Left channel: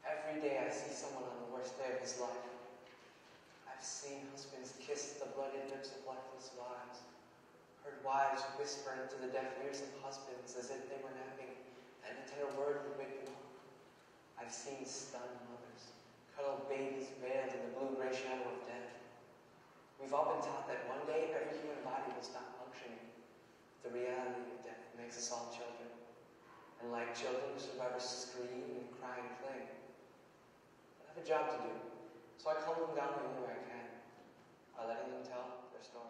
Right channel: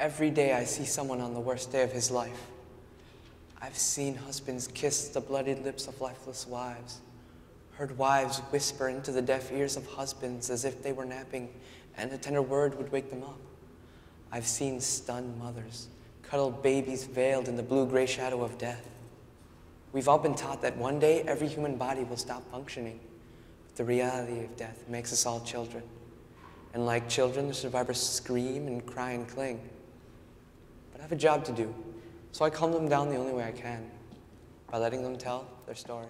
Every day I see someone on the worst day of his life. I've seen husbands kiss the bloodied lips of lifeless wives, heard wives whisper into the deaf ears of husbands as if they were napping and a tender word would wake them up. I've seen stunned mothers cuddle babies veiled in the blue-gray shadow of death. We've all been taught that one day every human body will stop functioning. But the reality of death makes us all children. And like children, the survivors scream and cry and cling. But I have a job to do, so I calm them down the only way I can, by letting them tell their story.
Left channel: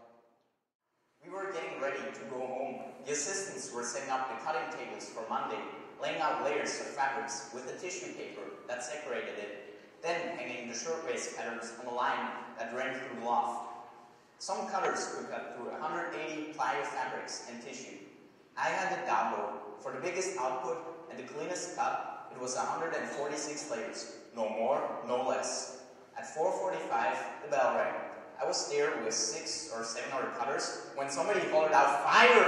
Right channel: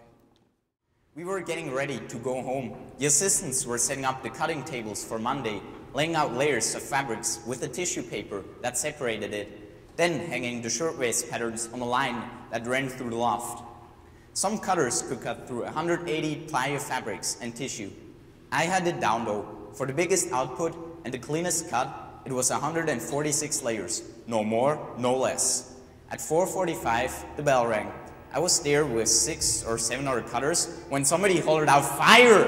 We were getting ready to go home. The assistants were setting up the cutting tables for Monday, laying out layers of fabrics with the tissue paper that separated it, then hanging the shirtwaist patterns on a line that ran through the loft. Some cutters could cut through 180 ply of fabrics and tissue. I had it down though. For the biggest output and the cleanest cut, it was 146 layers. No more, no less. At 4:45, the bell rang. I was there with 6 or 7 other cutters when somebody hollered out, "Fire!"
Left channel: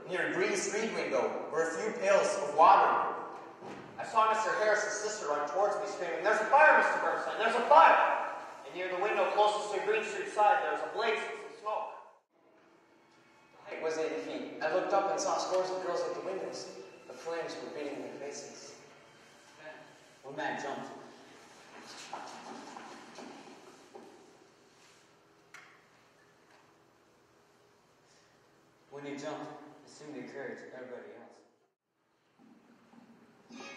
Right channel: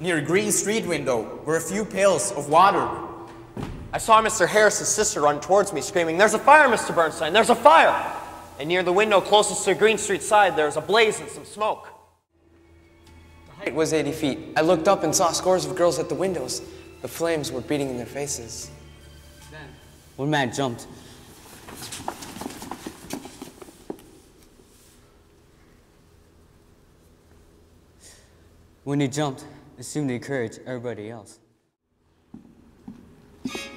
Near a green street window were a few pails of water. I saw Mr. Harris's sister run towards me screaming, "There's a fire, Mr. Bernstein, there's a fire!" And near the window closest to Green Street side, there was a blaze and some smoke. The height was 80 feet. I looked up and saw scores of girls at the windows. The flames were beating in their faces. Then, one man jumped. When he jumped, it seemed to encourage everybody else.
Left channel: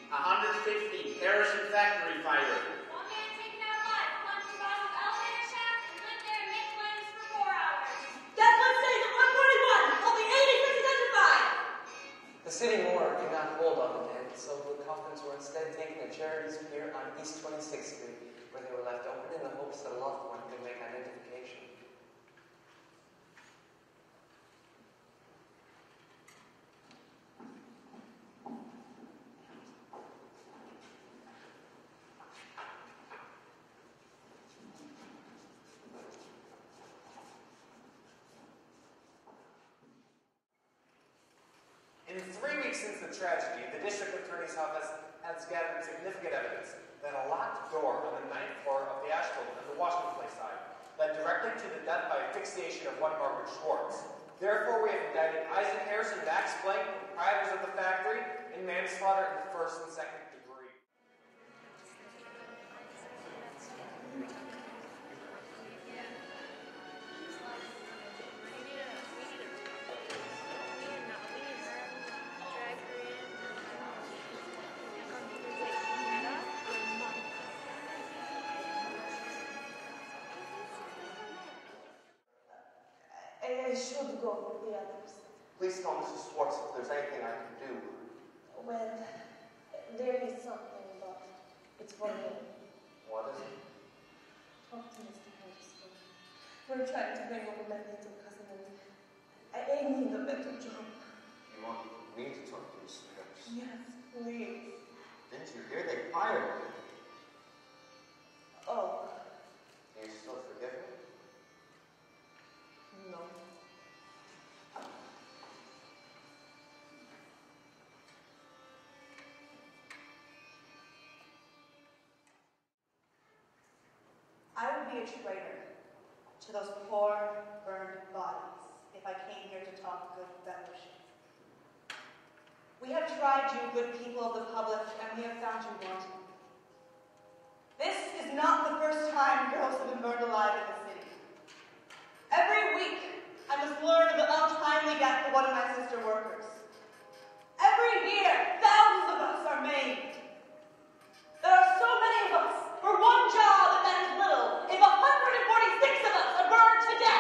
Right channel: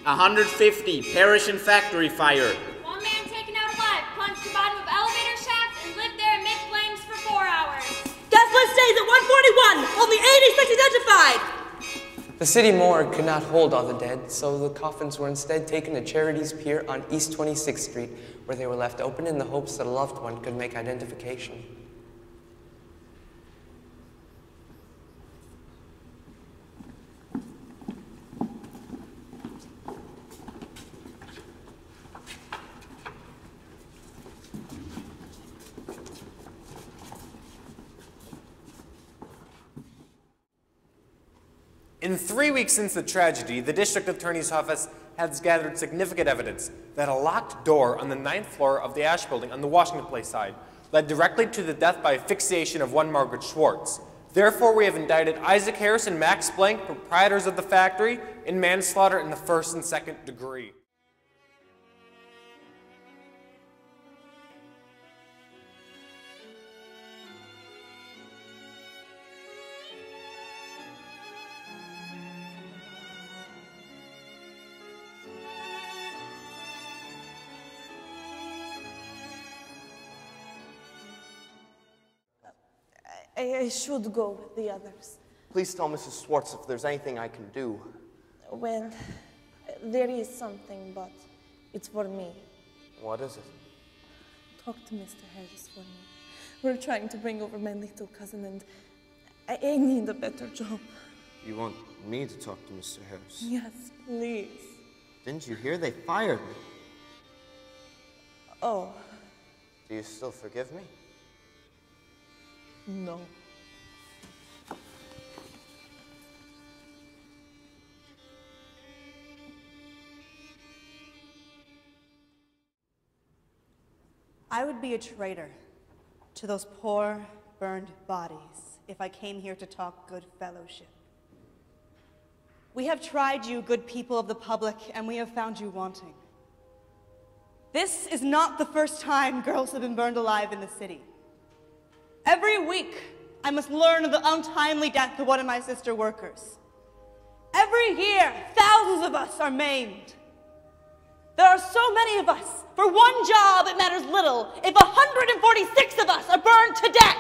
150, parish and factory fire. One man taken out alive, plunged to the bottom of elevator shaft and lived there amid flames for 4 hours. Death list stays at 141, only 86 identified. The city morgue could not hold all the dead, so the coffins were instead taken to Charities Pier on East 26th Street, where they were left open in the hopes that a loved one could make identification. In 3 weeks since the tragedy, the district attorney's office has gathered significant evidence that a locked door on the 9th floor of the Ash building on the Washington Place side led directly to the death by asphyxiation of one Margaret Schwartz. Therefore, we have indicted Isaac Harris and Max Blank, proprietors of the factory, in manslaughter in the 1st and 2nd degree. I should go with the others. Please tell Mrs. Schwartz if there's anything I can do. Well, there is something, but it's for me. What is it? Talk to Mr. Harris for me. We're trying to bring over my little cousin, and I need a better job. You want me to talk to Mr. Harris? Yes, please. Didn't you hear they fired him? Oh, Do you still forgive me? no. I would be a traitor to those poor, burned bodies if I came here to talk good fellowship. We have tried you, good people of the public, and we have found you wanting. This is not the first time girls have been burned alive in the city. Every week, I must learn of the untimely death of one of my sister workers. Every year, thousands of us are maimed. There are so many of us. For one job, it matters little if 146 of us are burned to death.